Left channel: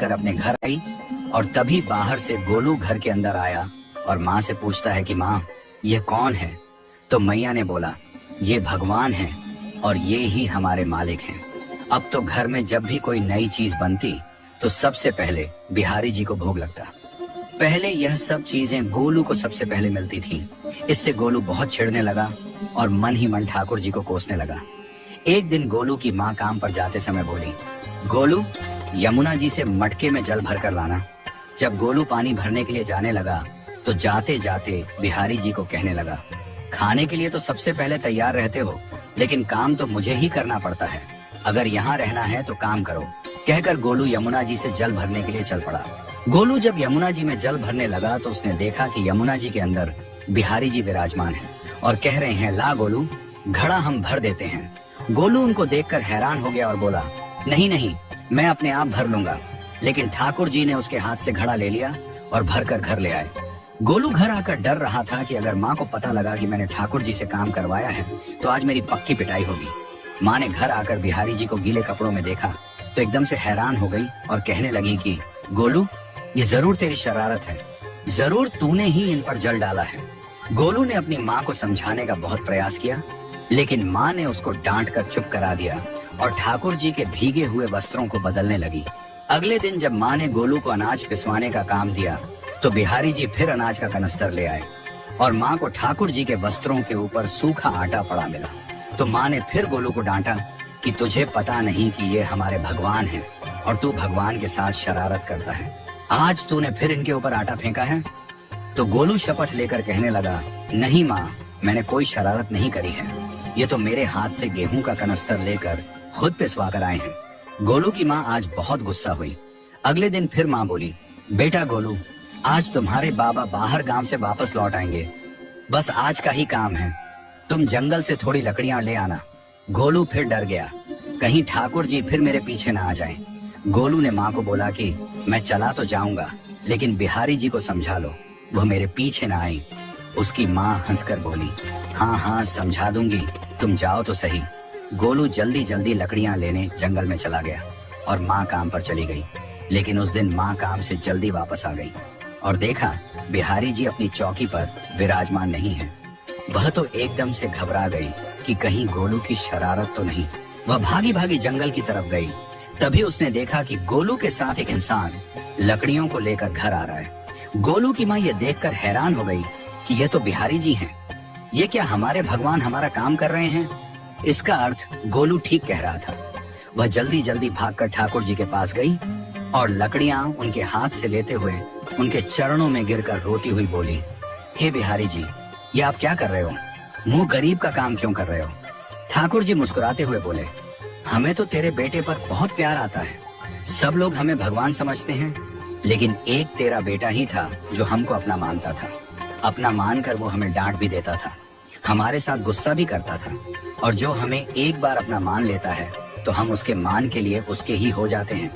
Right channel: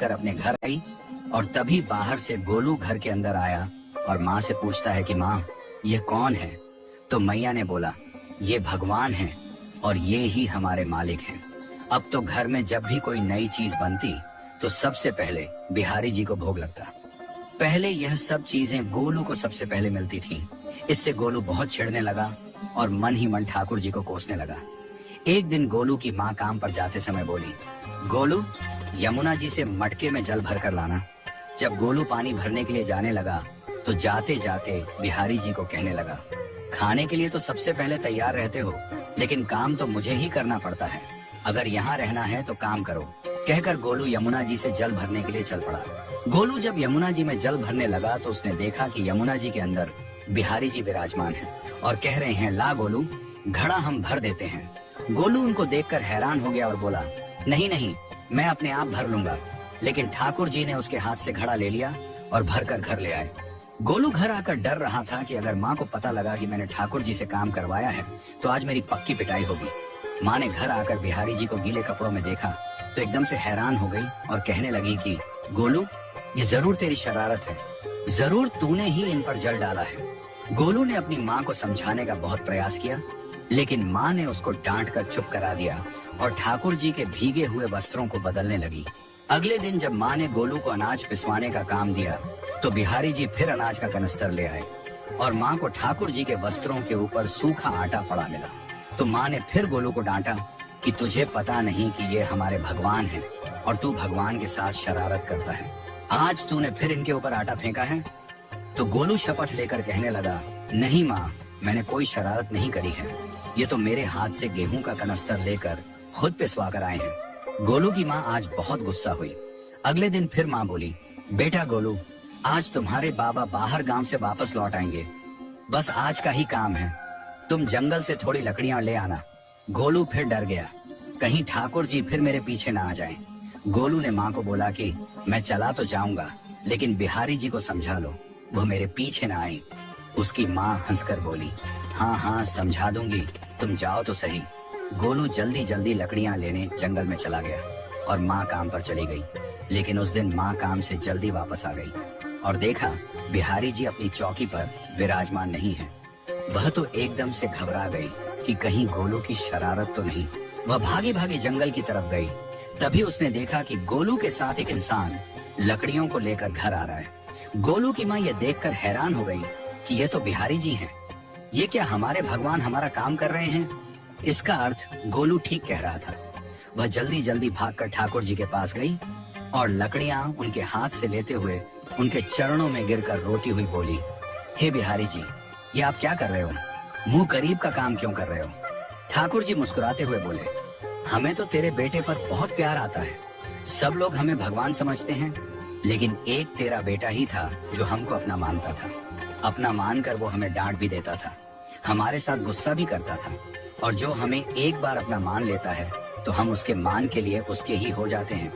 कर अपने घर आई और तभी बाहर से गोलू घर के अंदर आया और माँ से पूछता है कि माँ, ये कौन है? तो मैया ने बोला, ये भगवान है और ये ही हमारे मालिक हैं। अब तो घर में जब भी कोई नई चीज बनती तो सबसे पहले बिहारी जी को भोग लगता। पहले यह सब चीजें गोलू को सबसे पहले मिलती थीं। इससे गोलू बहुत चिढ़ने लगा और मन ही मन ठाकुर जी को कोसने लगा। एक दिन गोलू की माँ काम पर जाते समय बोली, गोलू, यमुना जी से मटके में जल भर कर लाना। जब गोलू पानी भरने के लिए जाने लगा तो जाते जाते बिहारी जी को कहने लगा, खाने के लिए तो सबसे पहले तैयार रहते हो, लेकिन काम तो मुझे ही करना पड़ता है। अगर यहाँ रहना है तो काम करो। कहकर गोलू यमुना जी से जल भरने के लिए चल पड़ा। गोलू जब यमुना जी में जल भरने लगा तो उसने देखा कि यमुना जी के अंदर बिहारी जी विराजमान हैं और कह रहे हैं, ला गोलू, घड़ा हम भर देते हैं। गोलू उनको देखकर हैरान हो गया और बोला, नहीं नहीं, मैं अपने आप भर लूंगा। लेकिन ठाकुर जी ने उसके हाथ से घड़ा ले लिया और भरकर घर ले आए। गोलू घर आकर डर रहा था कि अगर माँ को पता लगा कि मैंने ठाकुर जी से काम करवाया है तो आज मेरी पक्की पिटाई होगी। माँ ने घर आकर बिहारी जी को गीले कपड़ों में देखा तो एकदम से हैरान हो गई और कहने लगी कि गोलू, ये जरूर तेरी शरारत है, जरूर तूने ही इन पर जल डाला है। गोलू ने अपनी माँ को समझाने का बहुत प्रयास किया, लेकिन माँ ने उसको डांट कर चुप करा दिया और ठाकुर जी के भीगे हुए वस्त्रों को बदलने लगी। अगले दिन जब माँ ने गोलू को अनाज पिसवाने का काम दिया तो बिहारी जी फिर अनाज का कनस्तर ले आए और माँ को ठाकुर जी के वस्त्रों के ऊपर सूखा आटा पड़ा मिला। तो माँ ने फिर गोलू को डांटा कि तुझे पता नहीं कि ये हमारे भगवान हैं और तू भगवान के साथ शरारत करता है। आज तूने फिर इनके ऊपर आटा फेंका है। तो गोलू शपथ लेकर कहने लगा, नहीं माँ, मैंने कोई शरारत नहीं करी है। ये तो मेरे हाथ से गेहूं का कनस्तर लेकर खुद पिसवा कर आए हैं। गोलू की माँ आज बहुत गुस्सा हुई। अगले दिन फिर माँ बोली, बेटा गोलू, आज तुम्हारे बाबा बाहर गांव से वापस लौट आएंगे। बस आज का ही काम है, तुम जंगल से थोड़ी लकड़ियां ले आना। गोलू फिर डर गया, कहीं ठाकुर जी फिर मेरे पीछे ना आ जाएं। गोलू ने माँ को बोला कि मैं चला तो जाऊंगा, लेकिन बिहारी जी को समझा लो, वो मेरे पीछे ना आए। उसकी माँ हंसकर बोली, हाँ हाँ समझा दूंगी, तुम जाओ तो सही। गोलू जल्दी जल्दी लकड़ियां लेने जंगल में चला गया और माँ काम पर चली गई। लेकिन उस दिन माँ काम से जल्दी वापस आ गई और देखा बिहारी जी अपनी चौकी पर विराजमान नहीं है। वह तो एकदम से घबरा गई कि कहीं गोलू की शरारत तो नहीं। वह भागी भागी जंगल की तरफ गई। तभी उसने देखा कि गोलू के साथ एक इंसान लकड़ियों को लेकर घर आ रहा है। गोलू की माँ ये देखकर हैरान हो गई कि ये तो बिहारी जी हैं। ये क्या हमारे भगवान हमारा काम कर रहे हैं? इसका अर्थ गोलू ठीक कह रहा था। वह जल्दी जल्दी भागकर ठाकुर जी के पास गई और लकड़ियां उनके हाथ से लेते हुए उनके चरणों में गिरकर रोती हुई बोली, हे बिहारी जी, ये आप क्या कर रहे हो? मुंह गरीब का काम क्यों कर रहे हो? ठाकुर जी मुस्कुराते हुए बोले, हमें तो तेरे बेटे पर बहुत प्यार आता है। सब लोग हमें भगवान समझते हैं, लेकिन एक तेरा बेटा ही था जो हमको अपना मानता था। अपना मानकर वो हमें डांट भी देता था, हमारे साथ गुस्सा भी करता था, और जो हमें एक बार अपना मान लेता है तो हम उसके मान के लिए उसके ही हो जाते हैं।